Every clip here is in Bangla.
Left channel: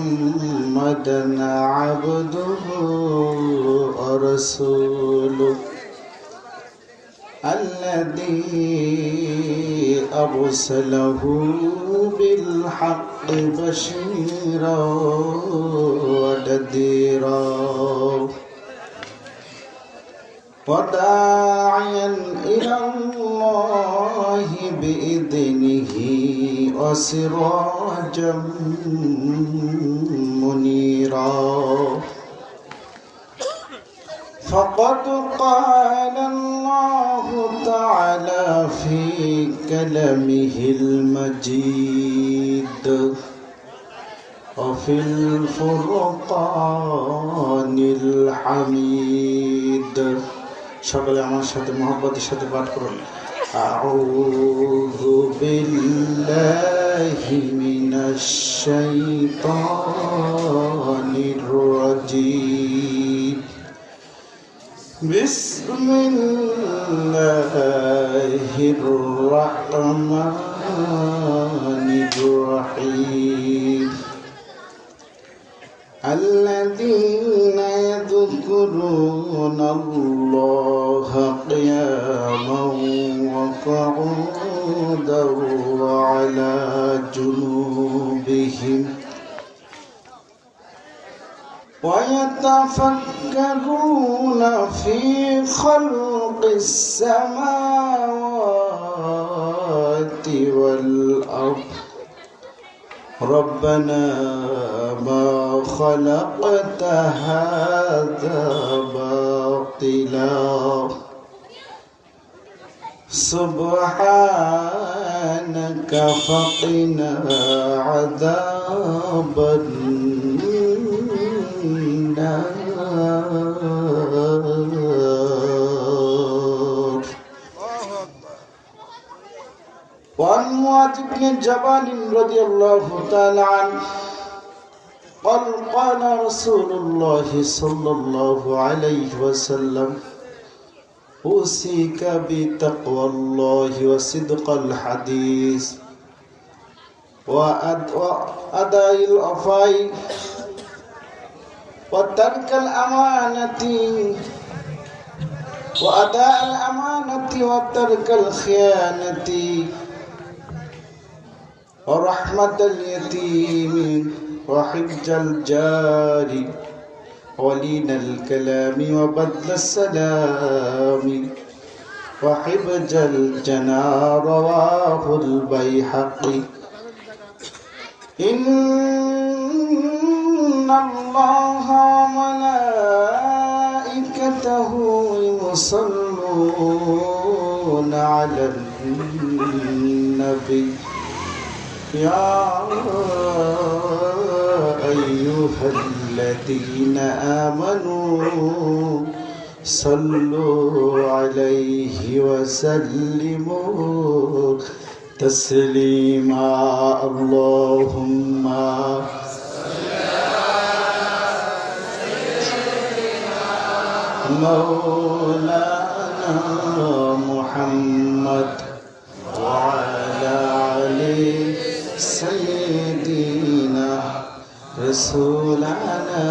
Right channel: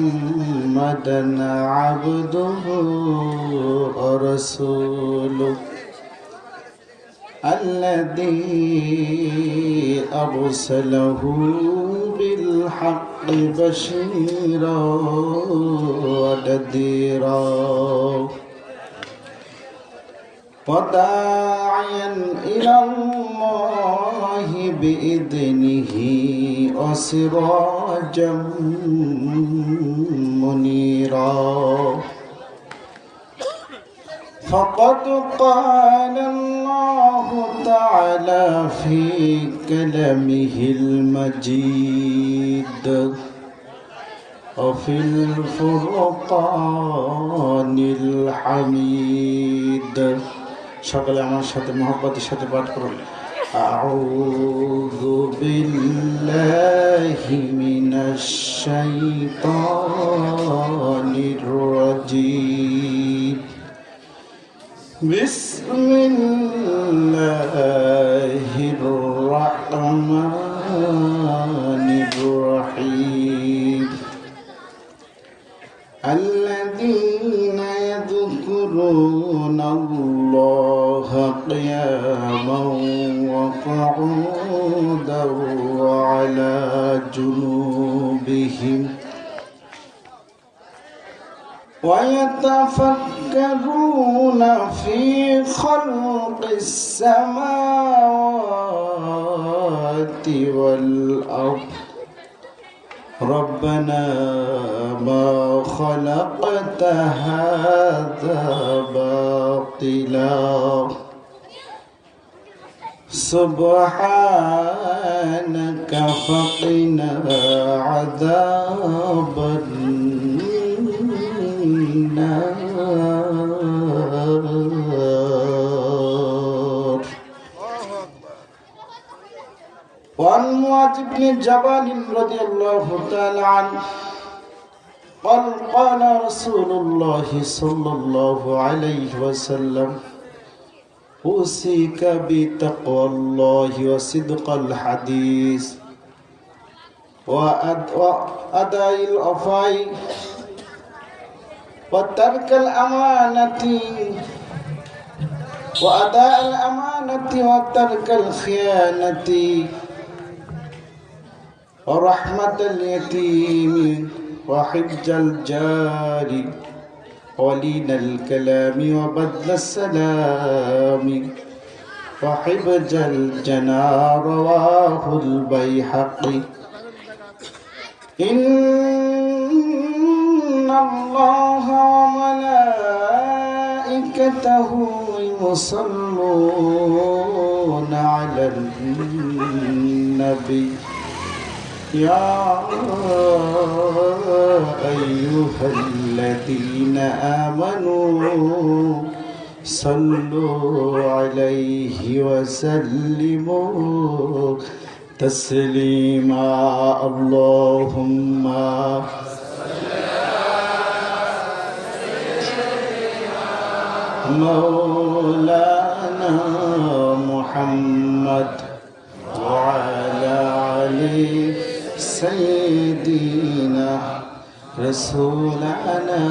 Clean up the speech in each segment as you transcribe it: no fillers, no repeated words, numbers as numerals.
محمدا عبده ورسوله الذي أرسله بالحق بشيرا ونذيرا وداعيا إلى الله بإذنه وسراجا منيرا فقد قال الله تعالى في كلامه المجيد وفي الفرقان الحميد সকলে আমার সাথে মহব্বতের সাথে পাঠ করুন আউযু বিল্লাহি মিনাশ শাইতানির রাজীম বিসমিল্লাহির রহমানির রহিম الذين يذكرون الله قياما وقعودا وعلى جنوبهم ويتفكرون في خلق السماوات والأرض ربنا ما خلقت هذا باطلا سبحانك فقنا عذاب النار وعن معاذ بن جبل رضي الله تعالى عنه قال قال رسول الله صلى الله عليه وسلم أوصيك بتقوى الله وصدق الحديث وأداء الوفاء وترك الأمانة وأداء الأمانة وترك الخيانة ورحمة اليتيم وحج الجار ولين الكلام وبذل السلام وحفظ الجنار رواه البيهقي إن الله وملائكته يصلون على النبي يا أيها الذين آمنوا صلوا عليه وسلموا تسليما اللهم مولانا محمد وعلى آله سيدنا رسولنا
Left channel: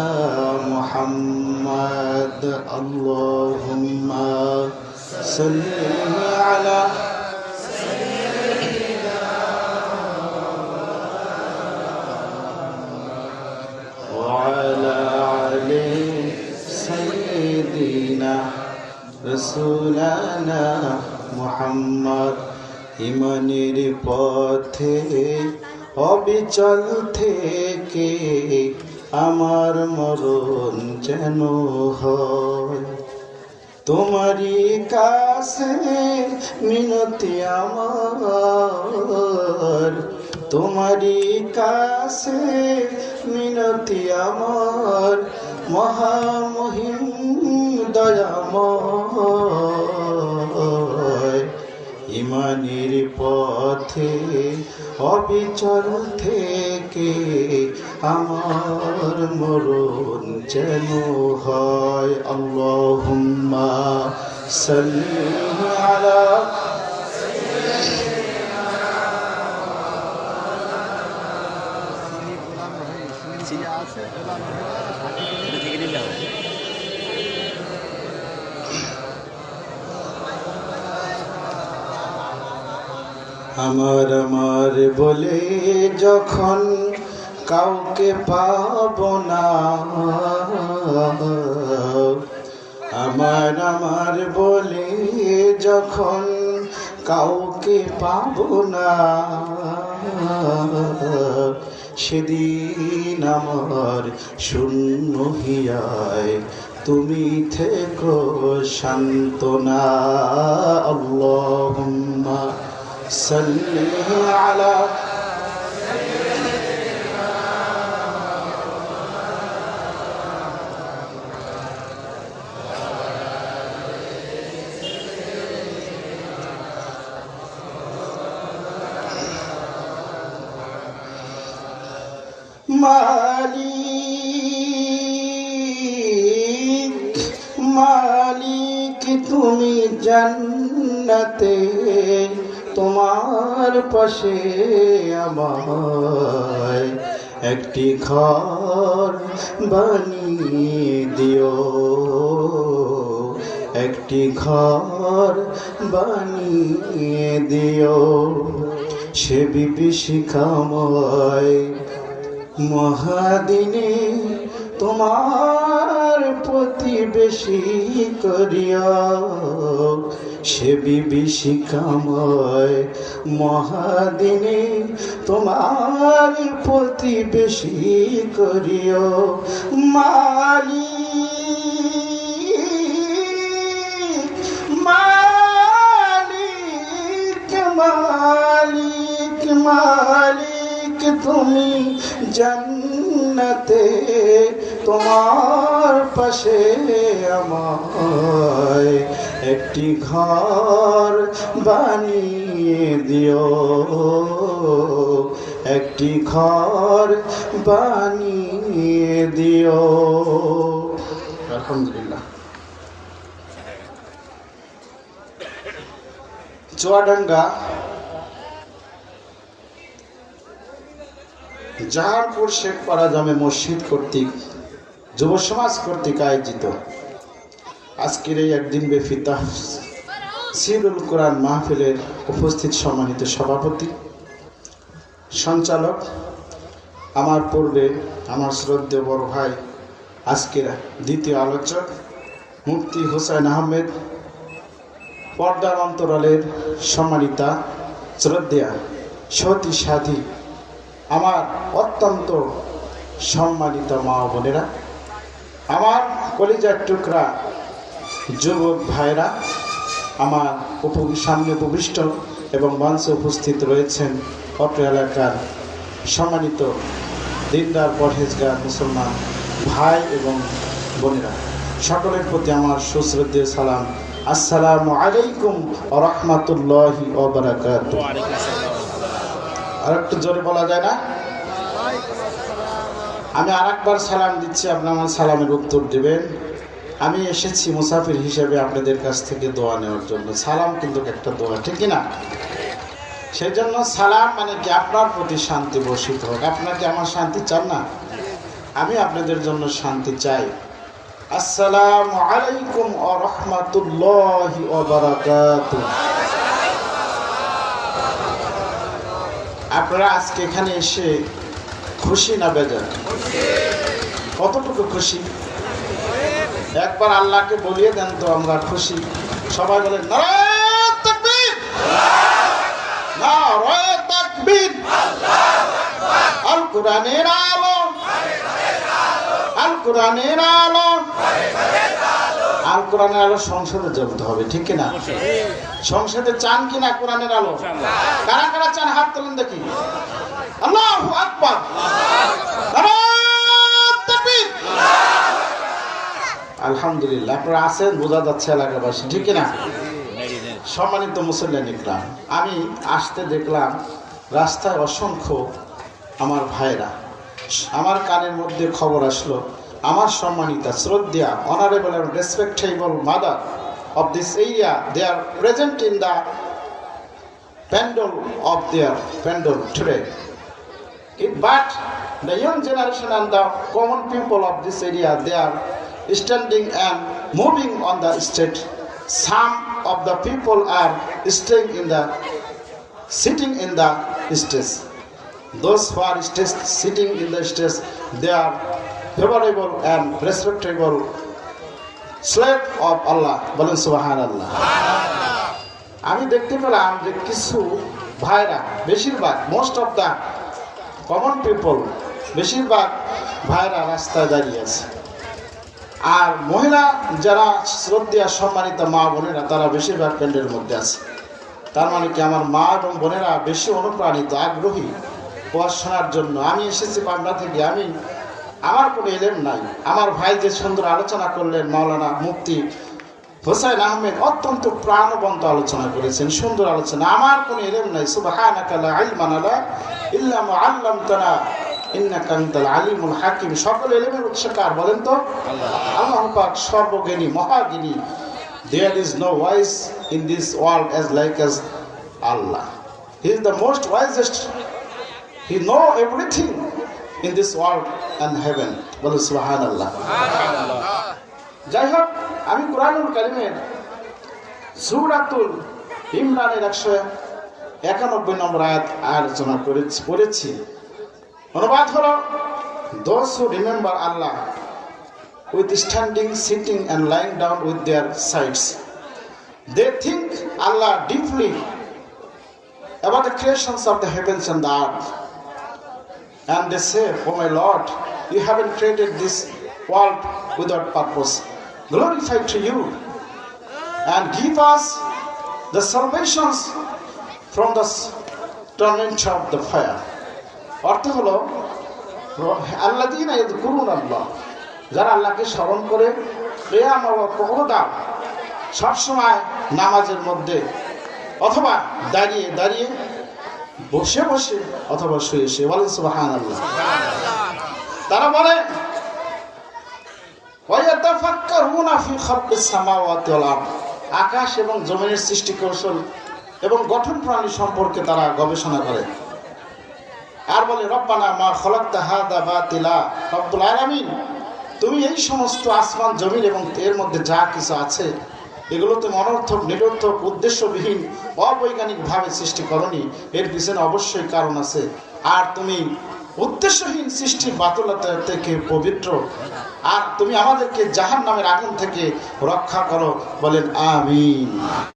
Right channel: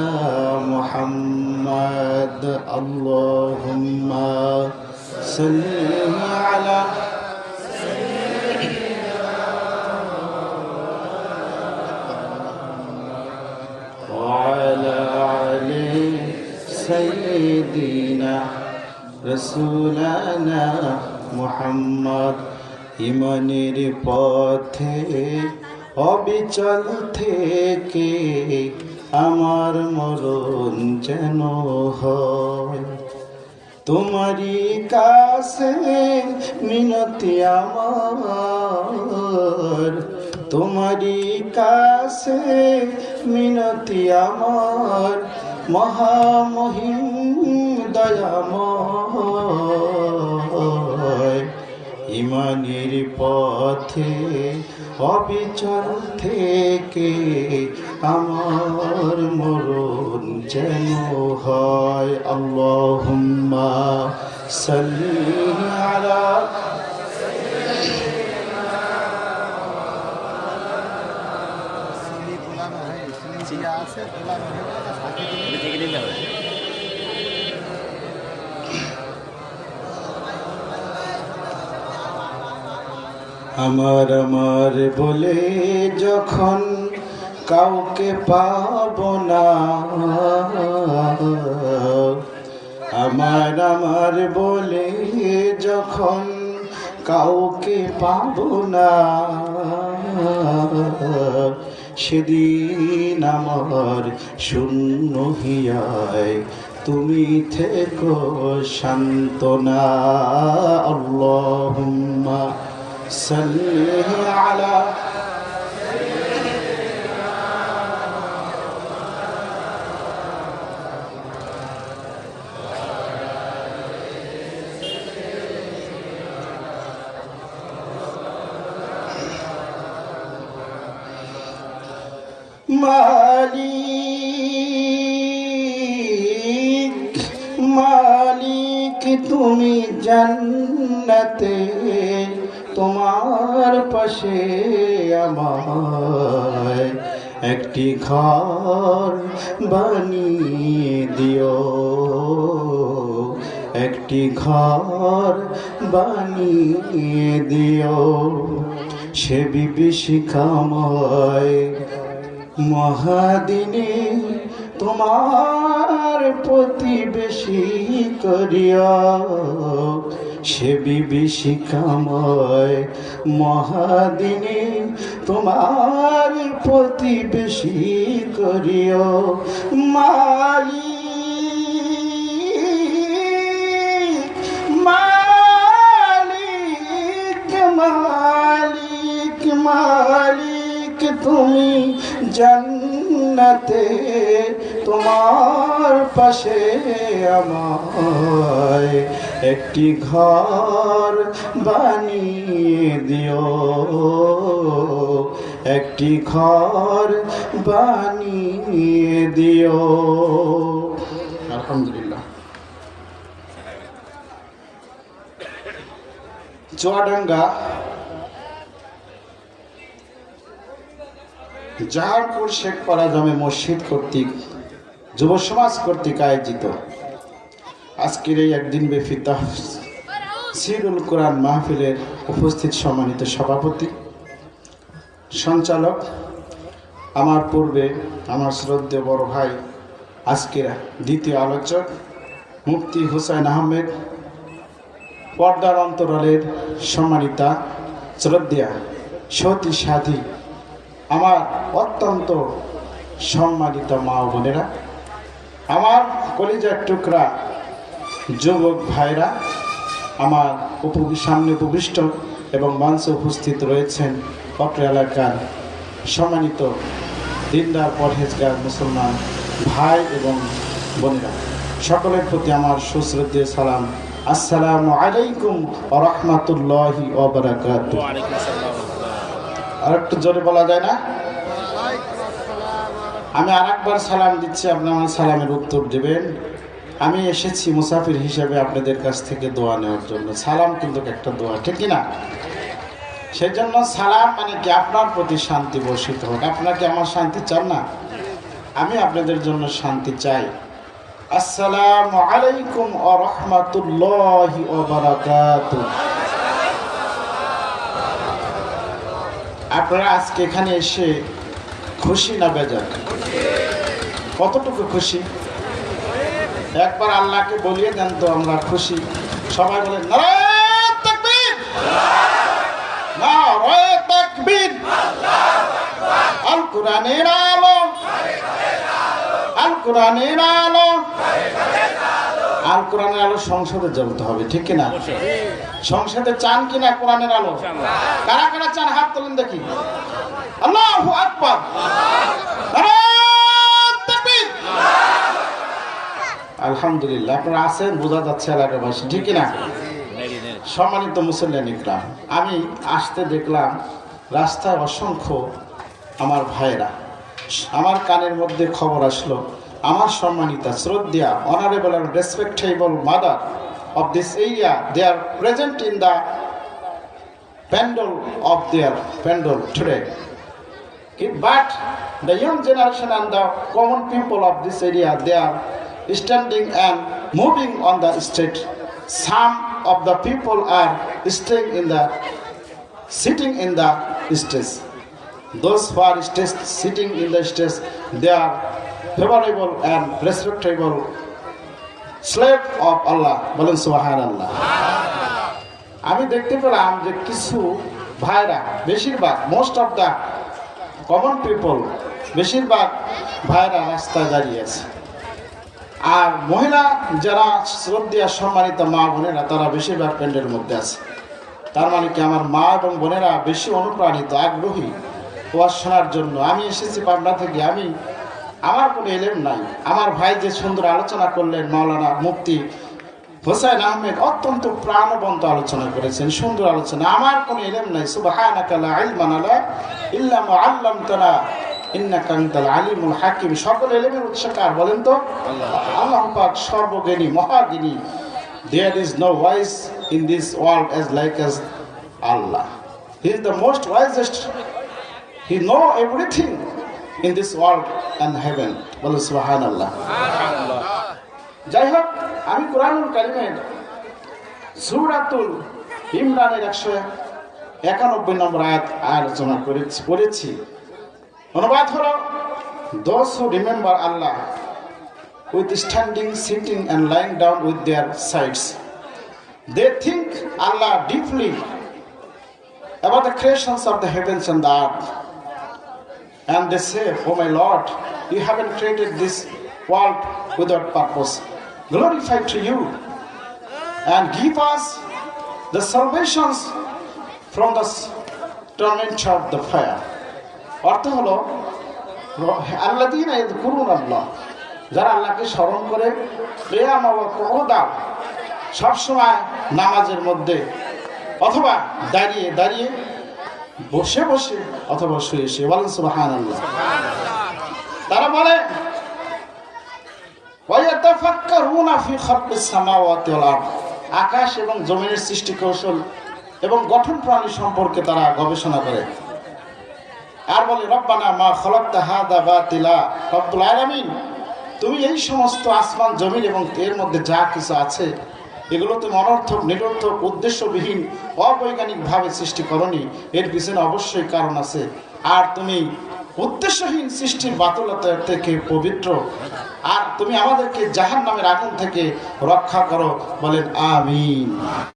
محمد اللهم صل على سيدنا وعلى آله سيدنا رسولنا محمد ইমানের পথে অবিচল থেকে আমার মরণ যেন হয় তোমারই কাছে মিনতি আমার তোমারই কাছে মিনতি আমার মহামহিম দয়াময় ইমানের পথে অবিচল থেকে আমার মরণ যেন হয় আল্লাহুম্মা সাল্লি আলা আমার আমার বলে যখন কাউকে পাব না, আমার আমার বলে যখন কাউকে পাব না, সেদিন আমার শূন্য হিয়ায় তুমি থেকো সান্ত্বনা। আল্লাহুম্মা সাল্লি আলা মালিক মালিক তুমি জান্নাতে তোমার পাশে আমায় একটি ঘর বানিয়ে দিও, একটি ঘর বানিয়ে দিও। সে বিভীষিকাময় মহাদিনে তোমার প্রতিবেশী করিয়া, সে বিভীষিকাময় মহাদিনে তোমার প্রতিবেশী করিয়া। মালিক মালিক মালিক মালিক তুমি জান্নাতে তোমার পাশে আমায় একটি ঘর বানিয়ে দিও, একটি ঘর বানিয়ে দিও। আলহামদুলিল্লাহ। চুয়াডাঙ্গা জাহানপুর শেখপাড়া জামে মসজিদ কর্তৃক যুব সমাজ কর্তৃক আয়োজিত আজকের এই একদিন ব্যাপী তাফসীরুল কুরআন মাহফিলের উপস্থিত সম্মানিত সভাপতি, সঞ্চালক, আমার পূর্বে আমার শ্রদ্ধেয় বড় ভাই, আজকের দ্বিতীয় আলোচক মুফতি হুসাইন আহমেদ, পর্দার অন্তরালের সম্মানিতা শ্রদ্ধেয়া সতী সাথী, আমার অত্যন্ত সম্মানিত মা বোনেরা, আমার কলিজার টুকরা যুবক ভাইরা, আমার সামনে উপবিষ্ট এবং মঞ্চে উপস্থিত রয়েছেন অত্র এলাকার সম্মানিত দিনদার পরহেজগার মুসলমান ভাই এবং বোনেরা, সকলের প্রতি আমার সুশ্রদ্ধেয় সালাম। আসসালামু আলাইকুম ওয়া রাহমাতুল্লাহি ওয়া বারাকাতুহু। আর একটু জোরে বলা যায় না? আমি আরেকবার সালাম দিচ্ছি, আপনি আমার সালামের উত্তর দেবেন। আমি এসেছি মুসাফির হিসেবে আপনাদের কাছ থেকে দোয়া নেওয়ার জন্য। সালাম কিন্তু একটা দোয়া, ঠিক না? সেজন্য সালাম মানে কি আপনার প্রতি শান্তি বর্ষিত হোক। আপনারা কি আমার শান্তি চান না? আমি আপনাদের জন্য শান্তি চাই। আসসালামু আলাইকুম ওয়া রাহমাতুল্লাহি ওয়া বারাকাতুহু। আপনারা আজকে এখানে এসে খুশি না বেজার? কতটুকু খুশি? একবার আল্লাহকে বলিয়ে দেন তো আমরা খুশি। সবাই বলেন নারায়ে তাকবীর, নারায়ে তাকবীর। আল কোরআনের আলো, আল কোরআনের আলো, আল কোরআনের আলো সংসদে জ্বলতে হবে, ঠিক কিনা? সংসদে চান কিনা কোরআনের আলো? কারা কারা চান হাত তোলেন দেখি। আল্লাহু আকবার। আলহামদুলিল্লাহ, আপনারা আছেন, বোঝা যাচ্ছে এলাকাবাসী, ঠিক কিনা? সম্মানিত মুসল্লিয়ান ইকরাম, আমি আসতে দেখলাম রাস্তায় অসংখ্য আমার ভাইরা। আমার কানের মধ্যে খবর আসলো, আমার সম্মানিতা শ্রদ্ধা honourable and respectable mother of this area, they are present in the pandal of their pandal today. But The young generation and the common people of this area, they are standing and moving on the street. Some of the people are sitting in the streets. Those who are sitting in the streets, they are favorable and respectable slave of Allah. বলেন সুবহানাল্লাহ। আমি দেখতে পেলাম যে কিছু ভাইরা, বেশিরভাগ most of the common people, বেশিরভাগ ভাইরা রাস্তায় দাঁড়িয়ে আছে। আর মহিলা যারা শ্রদ্ধা সম্মানিত মা বোনেরা, তারা বেশিরভাগ প্যান্ডের মধ্যে আছে। তার মানে কি আমার মা এবং বোনেরা বেশি অনুপ্রাণিত, আগ্রহী পড়াশোনার জন্য। আমি এসেছি পাবনা থেকে, আমার কোনো এলেম নাই। আমার ভাই যে সুন্দর আলোচনা করলেন, মাওলানা মুফতি হোসাইন আহমেদ অত্যন্ত প্রাণবন্ত আলোচনা করেছেন, সুন্দর আলোচনা। আমার কোনো এলেম নাই। সুবহানাকা লা ইলমা লানা ইল্লা মা আল্লামতানা ইন্নাকা আনতাল আলিমুল হাকিম। সকল এলেমের উৎসকার বলেন তো আল্লাহ পাক, সর্বজ্ঞানী, মহাজ্ঞানী। There is no wise in this world as Allah. He is the most wisest. He know everything in this world and heaven. বলে সুবহানাল্লাহ। যাই হোক, আমি কোরআনুল কারীমের সূরাতুল ইমরানের 191 নম্বর আয়াত আলোচনা করেছি। অনুবাদ হলো, those who remember Allah with standing, sitting and lying down with their sides. They think Allah deeply about the creations of the heavens and the earth. And they say, oh my Lord, you haven't created this world without purpose. Glorify to you and give us the salvations from the torment of the fire. অর্থ হলো, আল্লাযীনা ইয়াযকুরুনাল্লাহ, যারা আল্লাহকে স্মরণ করে, কিয়ামান ওয়া কুউদান, সবসময় নামাজের মধ্যে অথবা দাঁড়িয়ে দাঁড়িয়ে, বসে বসে অথবা শুয়ে শুয়ে। বলেন সুবহানাল্লাহ। তারা বলে ওয়ায়াতাফাক্কারুনা ফি খালকিস সামাওয়াতি ওয়াল আরদ, আকাশ এবং জমিনের সৃষ্টি কৌশল এবং গঠন প্রণালী সম্পর্কে তারা গবেষণা করে। আর বলে, রব্বানা মা খালাকতা হাযা বাতিলা, রব্বুল আলামিন, তুমি এই সমস্ত আসমান জমিন এবং এর মধ্যে যা কিছু আছে, এগুলো তুমি অনর্থক, নিরর্থক, উদ্দেশ্যবিহীন, অবৈজ্ঞানিকভাবে সৃষ্টি করনি। এর পিছনে অবশ্যই কারণ আছে। আর তুমি উদ্দেশ্যহীন সৃষ্টির বাতুলতা থেকে পবিত্র। আর তুমি আমাদেরকে জাহান্নামের আগুন থেকে রক্ষা করো। বলেন আমিন।